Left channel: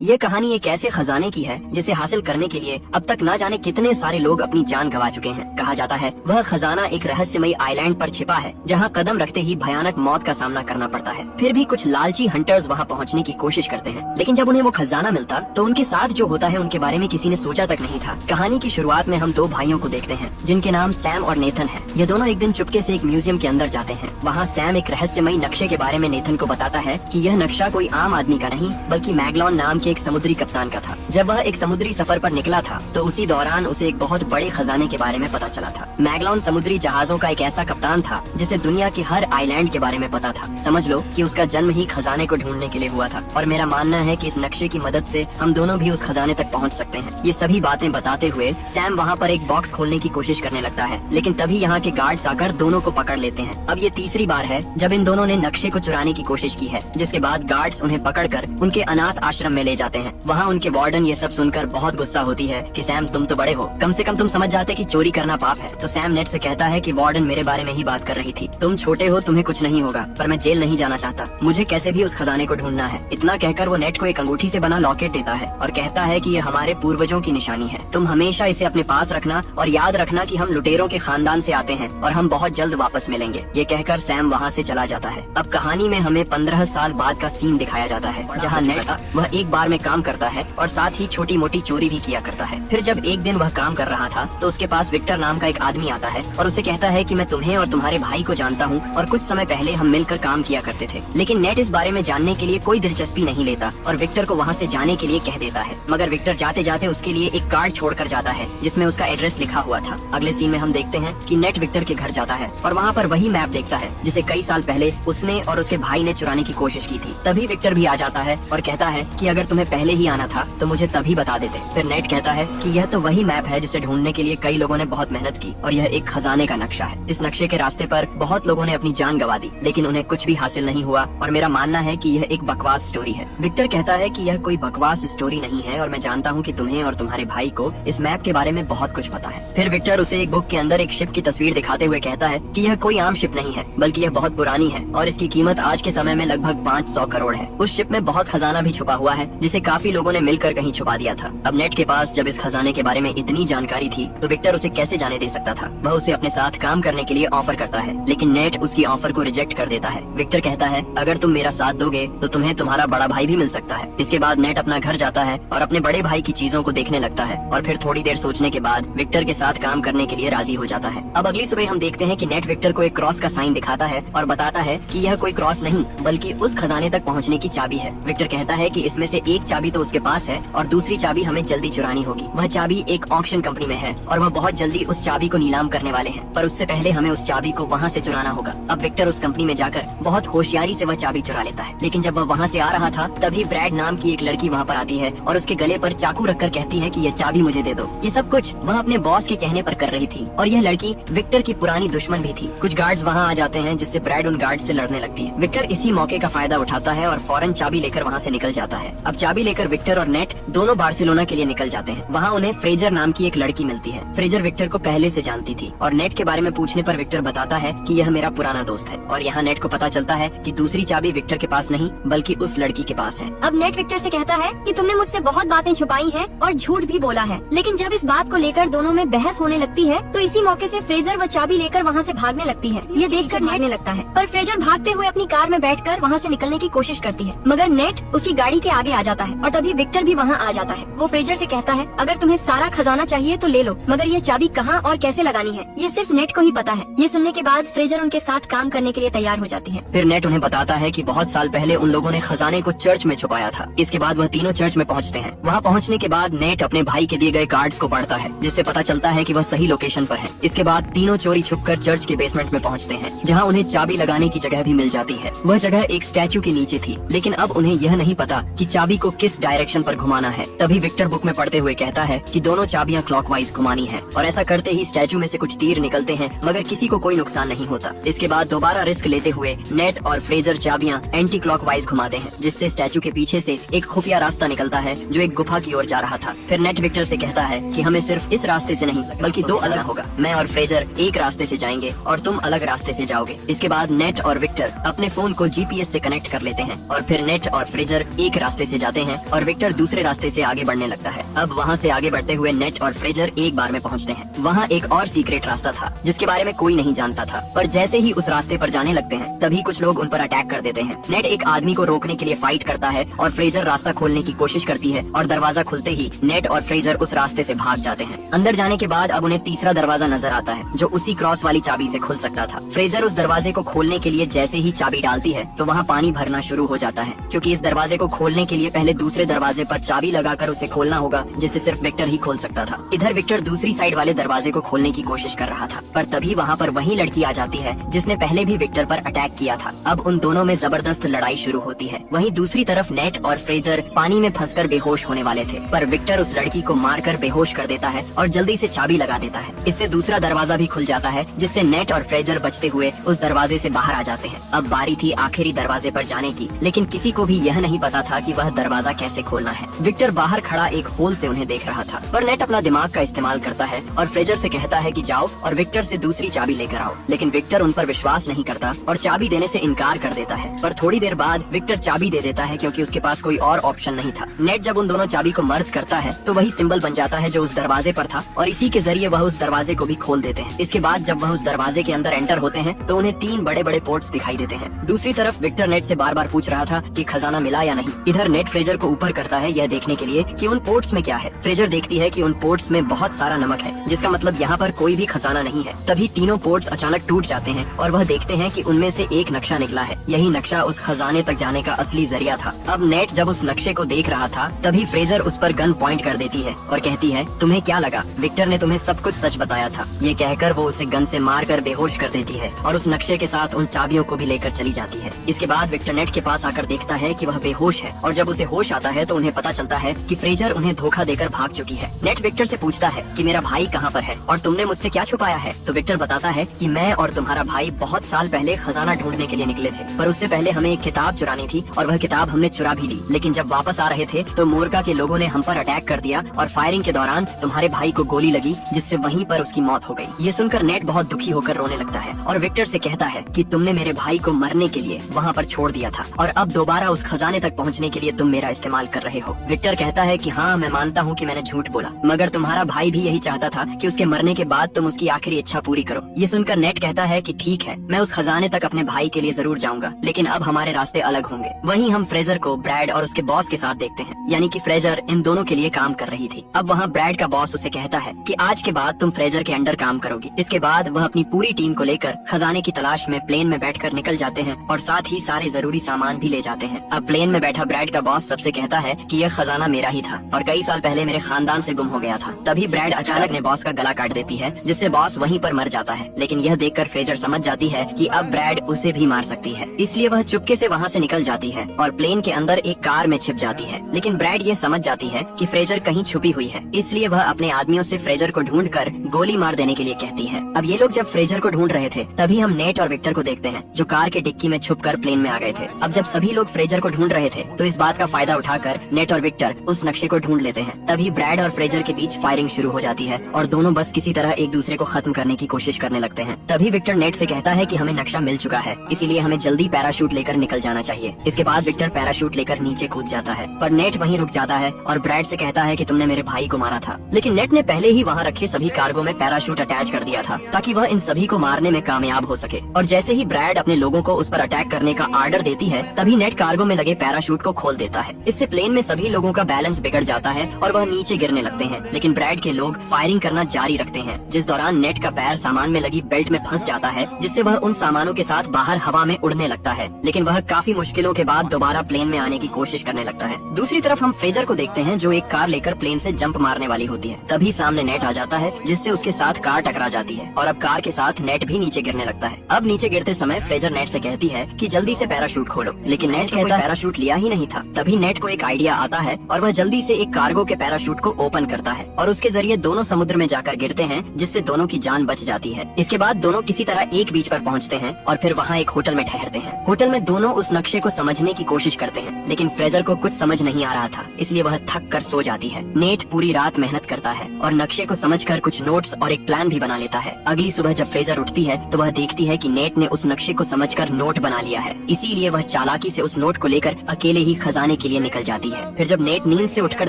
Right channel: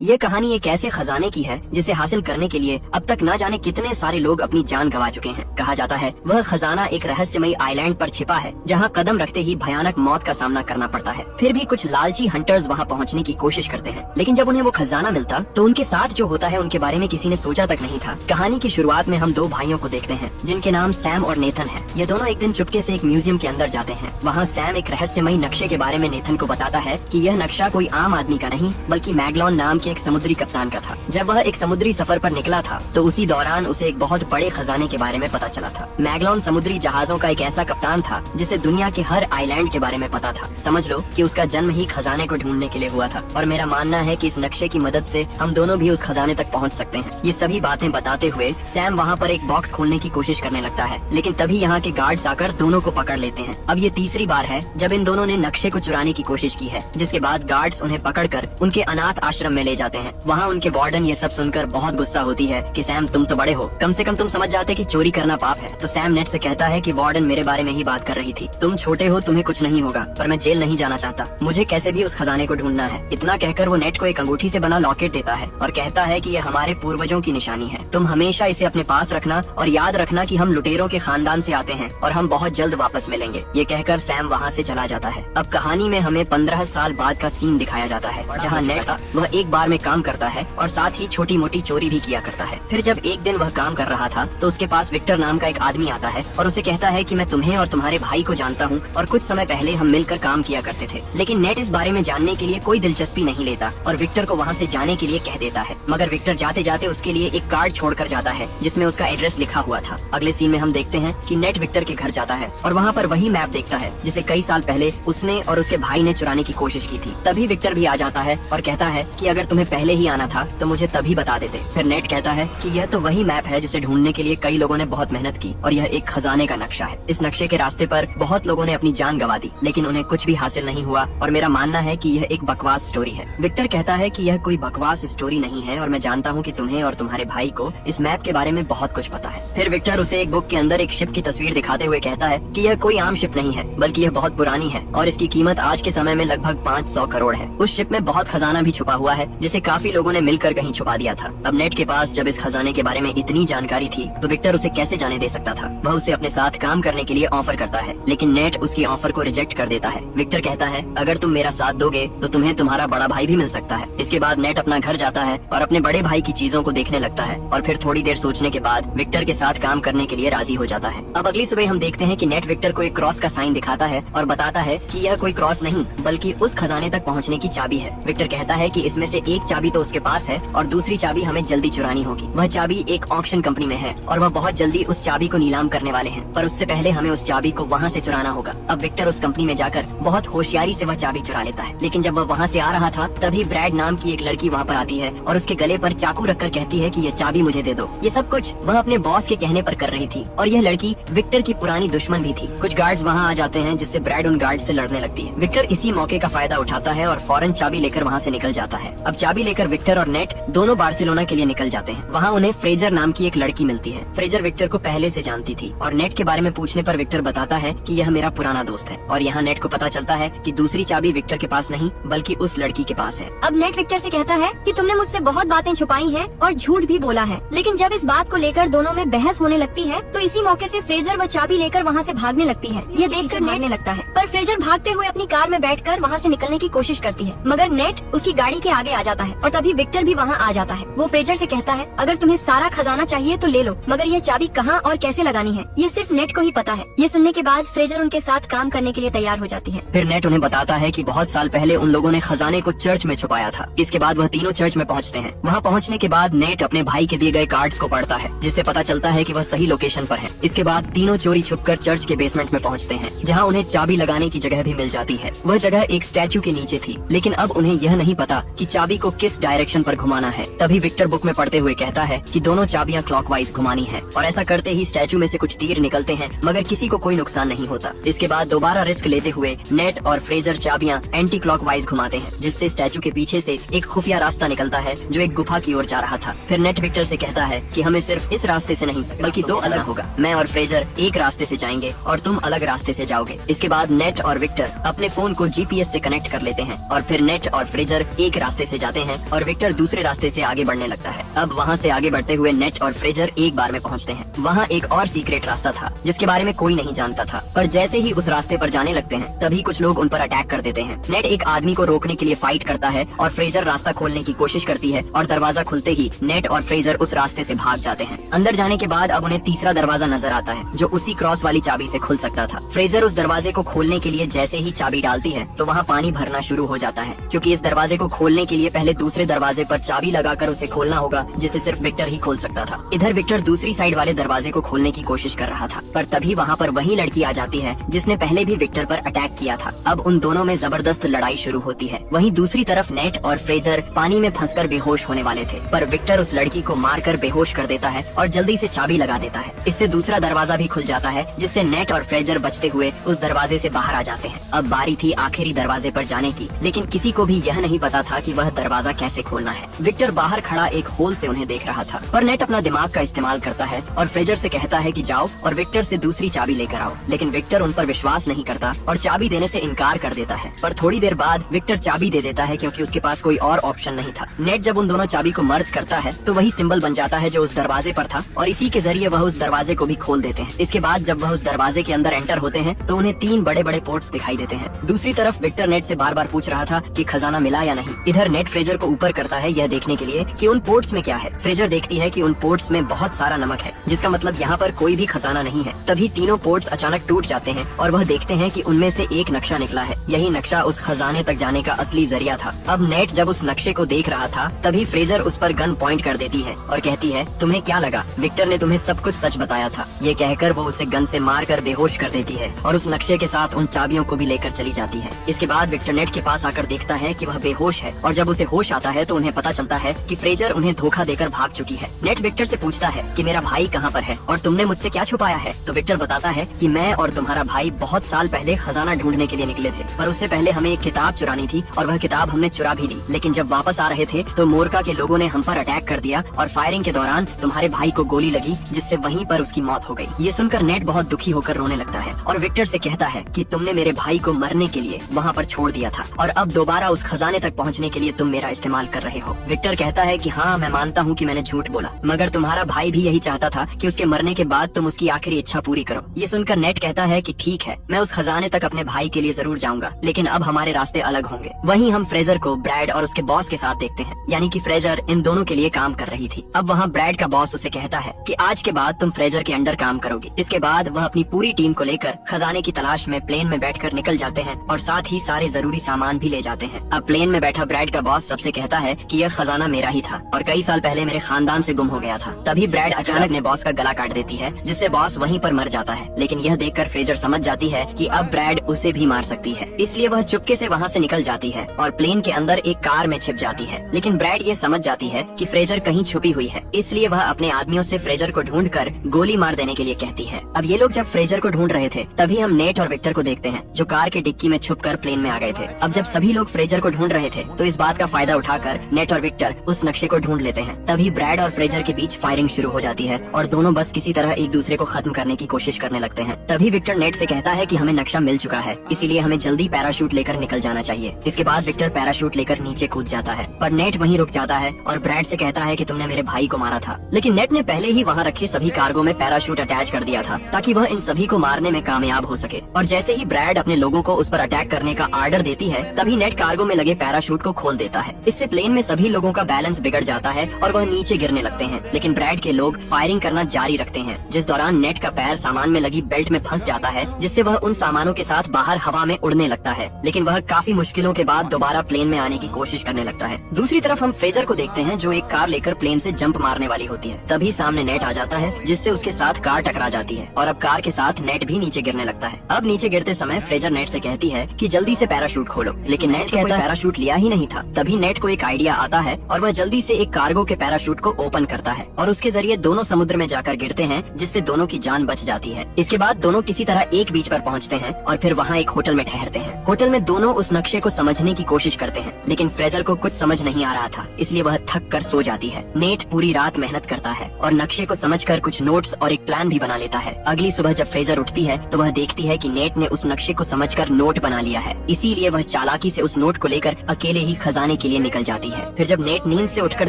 ये कहानी एक ऐसे खजाने की है जिसे हासिल करने के लिए अब तक न जाने कितने सारे लोग अपनी जान गंवा चुके हैं। कहा जाता है वह खजाना एक रहस्यमयी आइलैंड पर छिपा है जहाँ कदम रखते ही भयानक मौत का सामना करना पड़ता है। फिर भी कुछ लालची हंटर्स वहाँ पहुँचने की कोशिश करते हैं, लेकिन जब उन्हें वो खजाना मिलता तो उनके साथ जो होता है उनके बारे में किसी ने सोचा तक नहीं था। कहानी की शुरुआत में हम दो भाइयों को देखते हैं जिनके नाम सैम और नेथन है। ये दोनों एक दिन चुपके से एक म्यूजियम के अंदर जाते हैं। वहाँ सैम एक रहस्यमयी नक्शे के बारे में नेथन को बताता है कि यह नक्शा कोई आम आदमी का नहीं बल्कि मैगलॉन नाम के एक समुद्री कप्तान का था। जब वह एक समुद्री सफर पर निकला था तो उसी दौरान उसे एक बहुत बड़े खजाने के बारे में पता चला था। मैगलॉन समुद्री जहाजों का एक ऐसा कप्तान था जिसे दुनिया के हर आइलैंड के बारे में पता था। समझ लो कि उसका जन्म ही खजाने को ढूंढने के लिए हुआ था और मेरा मानना है कि इस नक्शे की मदद से हम दोनों भी उस खजाने तक पहुंच सकते हैं। ये सभी बातें बताते हुए सैम वहाँ पर एक बॉक्स खोलने की कोशिश करने लगता है, लेकिन तभी यहाँ के गार्ड्स आकर दोनों को पकड़ लेते हैं। अब ये तीसरी बार है जब इन दोनों ने नक्शे को चुराने की कोशिश की है, जिसके बाद गार्ड्स उन्हें पकड़कर उनके अनाथ आश्रम में ले जाते हैं। वहाँ उनके वार्डन ये सब सुनकर बहुत गुस्सा होती है कि सैम तुम तो बड़े हो, कम से कम तुम समझ जाते कि चोरी करना पाप है। तो सैम नेट से कहता है कि वार्डन मेरे बारे में ही बात कर रही थी, तुम छोटे हो, तुम्हें कुछ नहीं होगा, पर मैं जेल नहीं जाना चाहता, मुझे कैसे भी उस खजाने को ढूंढना है। इतना कहकर वो नेट को एक अंगूठी से बना लॉकेट देता है और कहता है कि ये हमारे पूर्वजों की निशानी है, तुम हमेशा इसे अपने पास रखना और याद रखना कि हम लुटेरों के खानदान से आते हैं और हम बहुत जल्द वापस मिलेंगे। ये कहकर सैम वहाँ से चला जाता है। अब कहानी में हमें 15 साल बाद का सीन दिखाया जाता है जहाँ नेट वह एक बार में काम करता है और साथ ही छोटी मोटी चोरी भी किया करता है। फिर जब एक दिन वह काम कर रहा था तो उसके पास विक्टर नाम का एक आदमी आता है और उसे कहता है कि मैं तुम्हें और तुम्हारे भाई को जानता हूँ और कुछ समय पहले हम मिलकर काम किया करते थे। लेकिन नेट इस बारे में जानने के लिए कोई दिलचस्पी नहीं लेता और विक्टर को वहाँ से जाने के लिए कह देता है, मगर विक्टर जाते जाते उसके लिए एक कार्ड छोड़कर जाता है जिसमें उसका एड्रेस लिखा हुआ था। अगले सीन में हम देखते हैं कि नेट विक्टर के घर जाता है और वहाँ पर वही मैप देखता है जिसे कई साल पहले उसने और उसके भाई ने चुराने की कोशिश की थी। तभी विक्टर भी आ जाता है और कहता है कि अगर तुम्हें पहले ही आना था तो मुझे तभी बता देते। फिर नेट कहता है कि यह तो वही मैप है जिसे ढूंढने के लिए कई लोगों ने बहुत मेहनत की और यह एक खजाने का नक्शा है। इस नक्शे के रास्ते पर बहुत लोगों ने अपनी जान गंवा दी, लेकिन उन्हें कुछ भी हासिल नहीं हुआ और मेरा मानना है कि यह एक बकवास स्टोरी है। विक्टर कहता है कि यह कोई बकवास स्टोरी नहीं है और मैं जानता हूँ कि तुम्हें और तुम्हारे भाई को इस मैप के बारे में बहुत कुछ पता है। फिर विक्टर उसे एक बुक के अंदर एक शिप की तस्वीर दिखाते हुए कहता है कि यह कोई आम शिप नहीं है बल्कि यह बहुत पुरानी है और इसकी कीमत आज के समय में लगभग 500 करोड़ है। उस शिप में बहुत खजाना भी छुपा हुआ है जिसे काफी लोगों ने मिलकर कहीं छुपा दिया था। अब नेट के पास जब इस खजाने के बारे में इतनी जानकारी थी तो विक्टर उसे कैसे जाने दे सकता था। वह उसे अपने साथ काम करने के लिए ऑफर करता है, लेकिन नेट उसकी ऑफर को रिजेक्ट कर देता है। विक्टर कहता है अगर तुम मेरा साथ दोगे तो तुम्हें तुम्हारा बड़ा भाई भी मिल सकता है। इसके बाद नेट अपना घर जाता है और अपने बड़े भाई की चीजों को देखने लगता है और फिर थोड़ी देर सोचने के बाद विक्टर के साथ काम करने के लिए राजी हो जाता है। अब अगली सुबह हम देखते हैं कि नेट विक्टर को एक क्रॉस का साइन दिखाता है और बताता है कि यह कोई क्रॉस नहीं बल्कि उस खजाने तक पहुँचने की चाबी है। विक्टर कहता है कि इसमें से एक चाबी तो उसके पास है और दूसरी चाबी हमें जल्दी चुरानी होगी। वह चाबी एक ऑक्शन कंपनी में है और वह बहुत जल्दी उस चाबी को नीलाम करने वाले हैं, पर उससे पहले हमें उस चाबी को वहाँ से चुराना होगा। अब विक्टर उस कंपनी में जाकर बहुत होशियारी से वह चाबी चुरा लेता है, लेकिन जब वह वहाँ से आ रहा था तभी ब्रैड नाम की एक लड़की वहाँ पर आती है और उसके गले पर चाकू रखकर कहती है कि यह चाबी मुझे दे दो। ये सब कुछ वह अपने बॉस के कहने पर कर रही थी और यह लड़की विक्टर की पुरानी दुश्मन भी थी। कुछ गार्ड्स वहाँ आ जाते हैं जिससे ब्रैड उन गार्ड से लड़ने लगती है। विक्टर इसी मौके का फायदा उठाता है और फौरन चाबी लेकर वहाँ से निकल जाता है। अब चाबी लेकर विक्टर और नेट दोनों बार्सिलोना के लिए निकल जाते हैं। वहाँ उन्हें फ्रेजर नाम की एक लड़की मिलती है। फ्रेजर विक्टर को पहले से जानती थी और नेट के बारे में पूछने पर विक्टर बताता है कि यह मेरा पुराना दोस्त है और यहाँ नेट को पता चलता है कि दूसरी चाबी विक्टर के पास नहीं बल्कि उस लड़की के पास है। अब नेट विक्टर से कहता है कि तुमने मुझसे बहुत बातें छुपाई हैं और झूठ भी बोला है, लेकिन जब इस बात को लेकर दोनों में बहस होने लगती है तो इसी मौके से फ्रेजर वह चाबी लेकर वहाँ से भागने लगती है। ये देखकर भागने लगता है पर फ्रेजर भागते हुए अपनी कार में बैठकर वहाँ से निकलने की कोशिश करती है, मगर नेट उसकी गाड़ी के आगे आ जाता है और तभी विक्टर भी वहाँ आ जाता है। वो फ्रेजर से कहता है अगर तुम्हें सारा खजाना चाहिए तो ले लो, मगर ये चाबी कहाँ और कैसे लगानी है ये सिर्फ नेट को ही पता है। ये सुनने के बाद फ्रेजर उनके साथ काम करने के लिए तैयार हो जाती है। फिर नेट उन्हें बताता है कि बहुत साल पहले उन लोगों ने खजाने को चर्च में छुपाया था। इसके बाद वह तीनों चर्च में पहुंचते हैं। वहां पहुंचने के बाद नेट अपने भाई के दिए गए कार्ड्स को पढ़ता है जिससे पता चलता है कि वह सही लोकेशन पर है। इसके बाद तीनों चोरी छुपकर चर्च के बेसमेंट में पहुंचते हैं जहां उन्हें चाबी लगाने की जगह भी मिल जाती है। वह जगह एक स्टैचू के नीचे थी, लेकिन अब उन्हें यह नहीं पता कि चाबी को किस डायरेक्शन पर घुमाना है। तभी विक्टर बुक में पढ़ते हुए कहता है कि दोनों चाबियां क्लॉकवाइज घुमानी है और ऐसा करते ही स्टैचू में से कुछ तीर निकलते हैं मगर किसी को कोई नुकसान नहीं होता। इसके बाद दोबारा रिस्क लेते हुए नेट और फ्रेजर चाबियां एंटी क्लॉकवाइज घुमाते हैं जिससे स्टैचू के पीछे से एक खुफिया रास्ता निकलता है जो एक गुफा की ओर जा रहा था। फिर नेट विक्टर से कहता है कि हमें सिर्फ इस रास्ते से नहीं बल्कि दो अलग होगा। मैं और फ्रेजर एक रास्ते से जाएंगे और तुम अलग रास्ते से जाओगे। इसके बाद नेट और विक्टर अपने फोन को GPS से कनेक्ट कर लेते हैं और फिर नेट और फ्रेजर एक रास्ते से जाते हैं और विक्टर दूसरे रास्ते से आगे बढ़ने लगता है। अब वहाँ से आगे बढ़ते हुए नेट और फ्रेजर एक बार में पहुँचते हैं। वहाँ एक और सीक्रेट रास्ता था जिसके बारे में कोई नहीं जानता था, पर जैसे ही उस रास्ते पर जाने लगते हैं तभी कुछ लोग उन पर अटैक कर देते हैं। नेट एक आदमी को रोकने के लिए फाइट करता है और फ्रेजर रास्ता खोलने की कोशिश करती है और दरवाजा खुलते ही नेट और फ्रेजर उस रास्ते से भाग जाते हैं। अंदर जाने के बाद अब उन्हें तीसरा दरवाजा नजर आता है जो उसी क्रॉस वाली चाबी से खुल सकता था। फ्रेजर उस दरवाजे को खोलने के लिए जैसे ही चाबी डालती है तो वहाँ पानी भरना शुरू हो जाता है, क्योंकि इस दरवाजे को खोलने के लिए पहले दूसरे दरवाजे पर चाबी लगाकर उसे खोलना होगा, जिसे सिर्फ विक्टर ही खोल सकता था। इधर विक्टर दूसरी साइड वाले दरवाजे को खोलने की कोशिश कर रहा था, पर तभी वहाँ पर वही लड़की आ जाती है जिसने पहले भी विक्टर पर अटैक किया था। अब उन दोनों में जबरदस्त लड़ाई शुरू होती है। वहीं दूसरी तरफ नेट और फ्रेजर पानी में फंसकर बेहोश होने वाले थे, पर विक्टर उस लड़की को मारकर बेहोश कर देता है और जल्दी से चाबी लगा देता है। इससे दूसरा दरवाजा भी खुल जाता है, जिससे नेट और फ्रेजर बचते हुए उस दरवाजे से बाहर आ जाते हैं। अब बारी थी आखिरी दरवाजे पर जाने की, लेकिन किसी को भी यह नहीं पता था कि वह दरवाजा कैसे खोलना है। विक्टर बाहर खड़ा एक होल से उन्हें देख रहा था, पर नेट अपना दिमाग का इस्तेमाल करता है और फ्रेजर से कहता है कि जाओ और विक्टर से दूसरी चाबी लेकर आओ। लेकिन विक्टर उन पर विश्वास नहीं करता और चाबी देने से इनकार कर देता है। पर थोड़ी देर बाद विक्टर चाबी दे देता है क्योंकि उसके पास कोई और ऑप्शन नहीं था। नेट जब उन दोनों चाबी को मर्ज करता है तो वही सिंबल बन जाता है जो उस दरवाजे पर था और इसी के जरिए वह उस दरवाजे को भी खोल देते हैं। इसके बाद जब वह उस दरवाजे के अंदर एंटर होते हैं तो उन्हें 3 बड़े बड़े पोर्ट्स दिखाई देते हैं। दूसरी तरफ विक्टर नेट से बार बार पूछ रहा था कि खजाना मिला या नहीं। इधर नेट फ्रेजर को ऊपर करता है यह देखने के लिए कि उन पोर्ट्स में क्या है। फ्रेजर देखती है कि उन पोर्ट्स में बहुत सारा नमक है, जिसका मतलब यहाँ पर कोई भी खजाना नहीं है। तभी तीनों पोर्ट्स अचानक टूट जाते हैं और वह देखते हैं कि उनमें से एक नक्शा निकला है। यही नक्शा उस खजाने तक जाने का असली जरिया था। अब नेट जब उस नक्शे को देख रहा था तभी फ्रेजर उस पर गन पॉइंट कर देती है और कहती है, तुम्हें क्या लगा, विक्टर ने तुम्हें सब कुछ सच बताया था। ये कहकर वो उसे गन से मारकर बेहोश कर देती है और उस नक्शे के साथ उन चाबियों को भी लेकर चली जाती है। इसके बाद विक्टर नेट के पास आकर देखता है कि वह बेहोश है और जब उसे होश आता है तो उन्हें पता चलता है कि फ्रेजर उन्हें धोखा देकर भाग चुकी है। नेट विक्टर से पूछता है कि मेरा भाई कहाँ पर है और तुमने मुझसे क्या छुपाया है। तो विक्टर बताता है कि मैं और तुम्हारा भाई बहुत साल पहले खजाना ढूंढने के लिए निकले थे, पर उससे पहले हमें एक किताब चुरानी थी और वह किताब हमने चुरा भी ली। लेकिन जब वापस आ रहे थे तो मोरका के लोगों ने हम पर अटैक कर दिया और फायरिंग के दौरान तुम्हारे भाई को गोली लगी, जिससे वहीं पर उसकी मौत हो गई। ये सुनकर नेट बहुत दुखी होकर रोने लगता है और विक्टर से कहता है कि तुमने मेरे भाई को मरने के लिए वहाँ पर छोड़ दिया था और अब दोबारा उस खजाने तक पहुँचने के लिए तुम मेरा इस्तेमाल कर रहे हो। विक्टर कहता है कि हाँ, मैं मानता हूँ कि मैंने झूठ बोला, मगर तुम्हारा भाई भी यही चाहता था कि उसके मरने के बाद तुम उसकी आखिरी इच्छा पूरी करो। ये सुनकर नेट कहता है कि ठीक है, मैं उस खजाने तक अपने भाई के लिए जरूर जाऊंगा, लेकिन अब हमारे रास्ते अलग होंगे। वहीं हम फ्रेजर को ब्रैड और उसके बॉस के साथ देखते हैं, यानी कि फ्रेजर इन दोनों के लिए काम कर रही थी। अब वहाँ ब्रैड का बॉस उसे कहता है कि आज के बाद तुम फ्रेजर के अंडर काम करोगी। इसके बाद वह अपनी पूरी टीम को लेकर खजाने की तलाश में प्लेन में बैठकर निकल जाते हैं और साथ ही सारे जरूरी सामान भी ले जाते हैं। अब प्लेन में बैठा ब्रैड का बॉस सबसे कहता है कि यह खजाना मेरा ही था और कई साल पहले मेरे खानदान से गुम हो गया था। तभी ब्रैड अचानक अपने बॉस का गला काट देती है, जिससे बॉस वहीं पर मर जाता है। लेकिन यह देखकर फ्रेजर समझ जाती है कि अब ब्रैड उसे भी मार सकती है, इसलिए वह चुपके से वहाँ से निकल जाती है और प्लेन के अंदर एक कार में छिप जाती है। लेकिन ब्रैड ये समझ जाती है कि फ्रेजर कहीं छुपी हुई है, इसलिए वह अपने आदमियों से फ्रेजर को ढूंढकर गोली मार देने के लिए कहती है। अब ये लोग जब फ्रेजर को ढूंढ रहे थे तभी हम नेट और विक्टर को देखते हैं जो कार के डिक्की में छुपकर प्लेन में आ गए थे। अब जब सभी लोग फ्रेजर को ढूंढ रहे थे तो इस बात का फायदा उठाकर नेट और विक्टर उस नक्शे को ढूंढ लेते हैं। तभी ब्रैड और फ्रेजर के बीच फायरिंग शुरू हो जाती है और दोनों बस किसी तरह एक दूसरे को खत्म करने की कोशिश करने लगते हैं। तभी विक्टर नेट से कहता है कि हमें नक्शा मिल चुका है, इसीलिए हमें जल्दी पैराशूट लेकर निकल जाना चाहिए। इसके बाद विक्टर पैराशूट लेकर नीचे कूद जाता है, पर नेट वहीं रुक जाता है और ब्रैड से कहता है कि तुमने मेरे भाई को मारा था। लेकिन नेट ने पहले ही वहाँ रखे सभी कार्गो में पैराशूट अटैच कर दिया था ताकि वह इन सभी को मारने में कामयाब हो सके। और जैसे ही ब्रैड अपने लोगों को उस पर अटैक करने का आर्डर देती है तभी नेट कार्गो में लगे पैराशूट को खोल देता है। इससे प्लेन में सभी लोगों का बैलेंस बिगड़ जाता है और वह नीचे गिरने लगते हैं। लेकिन ब्रैड के लोग फायरिंग करना जारी रखते हैं, जिस दौरान नेट का पैर सामान में लगी बेल्ट में फंस जाता है, जिससे वह उन सामानों के साथ बाहर हवा में उड़ने लगता है। लेकिन वह काफी मुश्किलों के बाद दोबारा प्लेन में आने की कोशिश करने लगता है। दूसरी तरफ हम फ्रेजर को देखते हैं जो एक कार लेकर प्लेन से जंप मारने वाली होती है। तभी सामने नेट आ जाता है, जिससे उसके साथ कार टकरा जाती है और अब कार के साथ नेट भी नीचे गिरने लगता है। अब नीचे गिरते समय फ्रेजर नेट से कहती है कि जल्दी से पैराशूट खोलो, लेकिन नेट कहता है पैराशूट लिया ही नहीं था। तभी नेट को एक आइडिया आता है और वह जल्दी से एक कार्गो के पैराशूट को ओपन करता है और उसके जरिए दोनों समुद्र में जाकर गिरते हैं, जिससे दोनों की जान बच जाती है। इसके बाद दोनों किसी तरह एक बीच पर पहुंचते हैं और फिर वहाँ एक होटल में ठहरते हैं। होटल में दोनों उस नक्शे को समझने की कोशिश करते हैं, लेकिन फ्रेजर को कुछ समझ नहीं आ रहा था, इसलिए वह थक कर सो जाती है। नेट पूरी रात मेहनत करता है और नक्शे को समझकर कुछ नोट्स और एक प्लान भी बना लेता है। अगली सुबह जब फ्रेजर उठती है तो वह देखती है कि नेट ने उस नक्शे को समझकर नोट बना लिया है, इसीलिए वह चालाकी से उस नोट को लेकर अकेले ही खजाने के लिए निकल जाती है। फिर जब नेट नींद से उठकर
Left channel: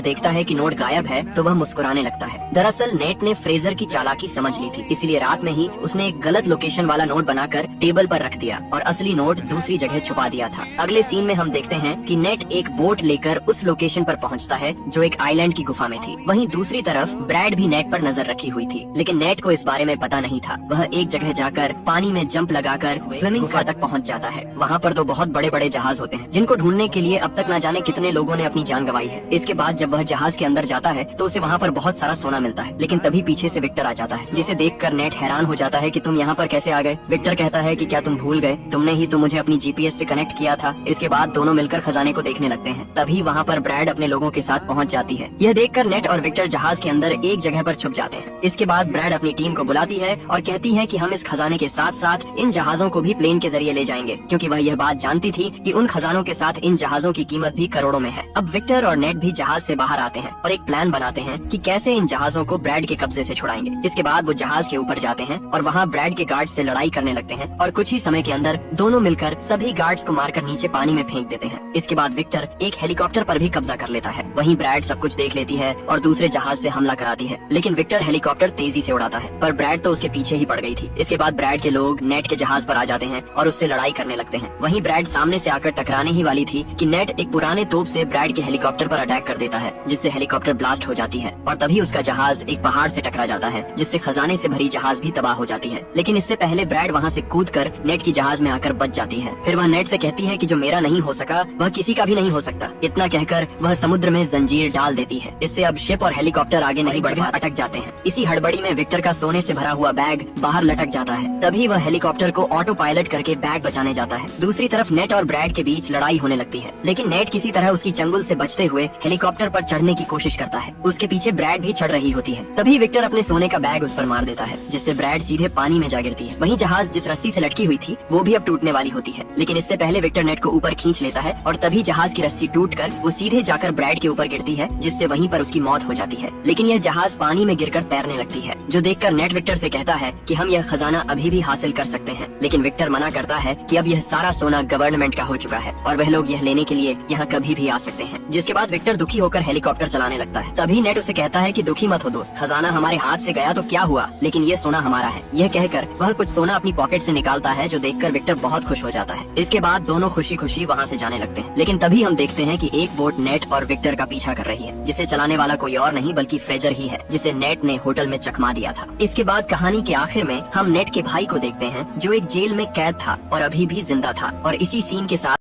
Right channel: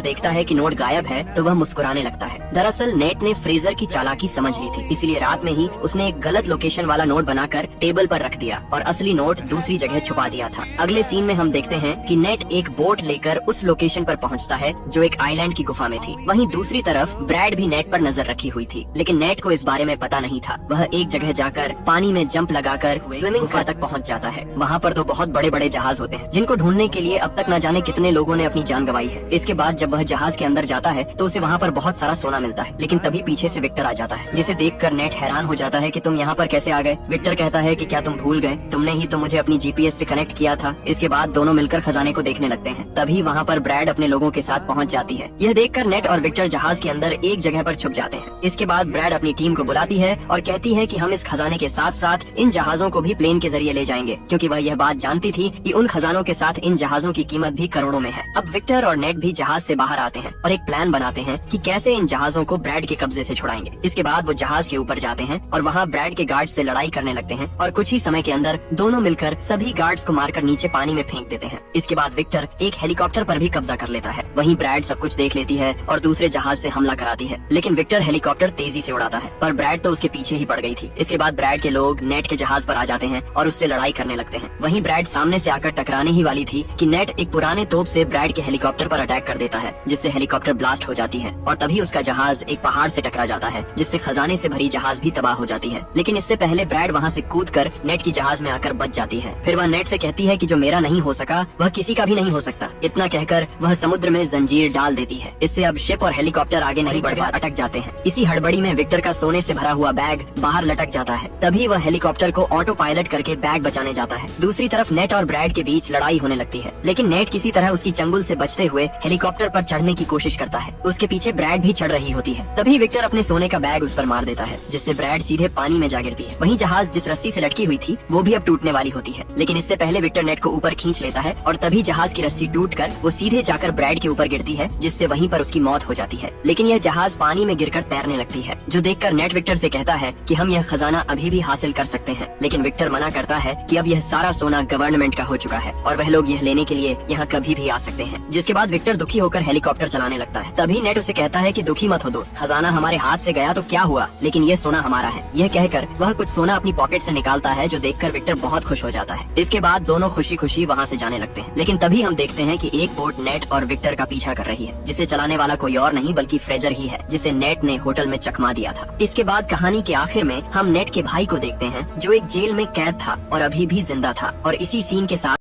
देखता है कि नोट गायब है तो वह मुस्कुराने लगता है। दरअसल नेट ने फ्रेजर की चालाकी समझ ली थी, इसलिए रात में ही उसने एक गलत लोकेशन वाला नोट बनाकर टेबल पर रख दिया और असली नोट दूसरी जगह छुपा दिया था। अगले सीन में हम देखते हैं कि नेट एक बोट लेकर उस लोकेशन पर पहुंचता है जो एक आइलैंड की गुफा में थी। वहीं दूसरी तरफ ब्रैड भी नेट पर नजर रखी हुई थी, लेकिन नेट को इस बारे में पता नहीं था। वह एक जगह जाकर पानी में जंप लगाकर स्विमिंग पूल तक पहुंच जाता है। वहाँ पर तो बहुत बड़े बड़े जहाज होते हैं जिनको ढूंढने के लिए अब तक न जाने कितने लोगों ने अपनी जान गंवाई है। इसके बाद जब वह जहाज के अंदर जाता है तो उसे वहाँ पर बहुत सारा सोना मिलता है, लेकिन तभी पीछे से विक्टर आ जाता है, जिसे देखकर नेट हैरान हो जाता है कि तुम यहाँ पर कैसे आ गए। विक्टर कहता है कि क्या तुम भूल गए, तुमने ही तो मुझे अपनी जीपीएस से कनेक्ट किया था। इसके बाद दोनों मिलकर खजाने को देखने लगते हैं। तभी वहाँ पर ब्रैड अपने लोगों के साथ पहुँच जाती है। यह देखकर नेट और विक्टर जहाज के अंदर एक जगह पर छुप जाते हैं। इसके बाद ब्रैड अपनी टीम को बुलाती है और कहती है कि हम इस खजाने के साथ साथ इन जहाजों को भी प्लेन के जरिए ले जाएंगे, क्योंकि वह यह बात जानती थी कि उन खजानों के साथ इन जहाजों की कीमत भी करोड़ों में है। अब विक्टर और नेट भी जहाज से बाहर आते हैं और एक प्लान बनाते हैं कि कैसे इन जहाजों को ब्रैड के कब्जे से छुड़ाएंगे। इसके बाद वो जहाज के ऊपर जाते हैं और वहाँ ब्रैड के गार्ड से लड़ाई करने लगते हैं और कुछ ही समय के अंदर दोनों मिलकर सभी गार्ड्स को मारकर नीचे पानी में फेंक देते हैं। इसके बाद विक्टर एक हेलीकॉप्टर पर भी कब्जा कर लेता है। वहीं ब्रैड सब कुछ देख लेती है और दूसरे जहाज से हमला कराती है, लेकिन विक्टर हेलीकॉप्टर तेजी से उड़ाता है, पर ब्रैड तो उसके पीछे ही पड़ गई थी। इसके बाद ब्रैड के लोग नेट के जहाज पर आ जाते हैं और उससे लड़ाई करने लगते हैं। वहीं ब्रैड सामने से आकर टकराने ही वाली थी कि नेट एक पुराने तोप से ब्रैड के हेलीकॉप्टर पर अटैक कर देता है, जिससे हेलीकॉप्टर ब्लास्ट हो जाती है और तभी उसका जहाज एक पहाड़ से टकरा जाता है, जिससे खजाने से भरी जहाज भी तबाह हो जाती है। लेकिन इससे पहले ब्रैड वहाँ से कूदकर नेट की जहाज में आकर बच जाती है। फिर वह नेट से कहती है कि जो मेरा नहीं हो सका वह किसी का भी नहीं हो सकता। इतना कहकर वह समुद्र में जंजीर डाल देती है। इससे अब शिप और हेलीकॉप्टर आगे नहीं बढ़ पाते, अटक जाते हैं। इसी हड़बड़ी में विक्टर का सोने से भरा हुआ बैग बाहर लटक जाता है। तभी वह हेलीकॉप्टर को ऑटो पायलट करके बैग बचाने जाता है। दूसरी तरफ नेट और ब्रैड के बीच लड़ाई होने लगती है, लेकिन नेट किसी तरह उसकी चंगुल से बचते हुए हेलीकॉप्टर पर चढ़ने की कोशिश करता है। उसके पीछे ब्रैड भी चढ़ रही होती है। तभी विक्टर अपने सोने का बैग उस पर मार देता है, जिससे ब्रैड सीधे पानी में जा गिरती है। वहीं जहाज जिस रस्सी से लटकी हुई थी वो भी अब टूटने वाली होती है, लेकिन इससे पहले विक्टर नेट को ऊपर खींच लेता है और तभी जहाज की रस्सी टूटकर वो सीधे जाकर ब्रैड के ऊपर गिरती है, जिससे वहीं पर उसकी मौत हो जाती है। लेकिन यह जहाज पानी में गिरकर तैरने लगती है, जो देखकर नेट विक्टर से कहता है कि हम यह खजाना अभी भी हासिल कर सकते हैं। लेकिन विक्टर मना करता है कि अब यह सारा सोना गवर्नमेंट का हो चुका है और वह लोग यह लेने के लिए यहाँ कभी भी आ सकते हैं। जिसके बाद विक्टर दुखी होकर हेलीकॉप्टर चलाने लगता है। तभी नेट उसे कहता है कि दुखी मत हो दोस्त, खजाना हमारे हाथ से गया तो क्या हुआ, लेकिन ये सोना हमारा है। यह कहकर वह कुछ सोना अपनी पॉकेट से निकालता है, जो देखकर विक्टर बहुत खुश हो जाता है। इसके बाद दोनों खुशी खुशी वहाँ से जाने लगते हैं। लेकिन तभी हम देखते हैं कि एक बोट नेट और विक्टर का पीछा कर रही है, जिसे चलाने वाला कोई और नहीं बल्कि फ्रेजर ही है, जिसे नेट ने होटल में चकमा दिया था। इसके बाद कहानी के आखिर में हम नेट के भाई को देखते हैं, जो एक जेल में कैद था और अभी भी जिंदा था, और इसी सीन के साथ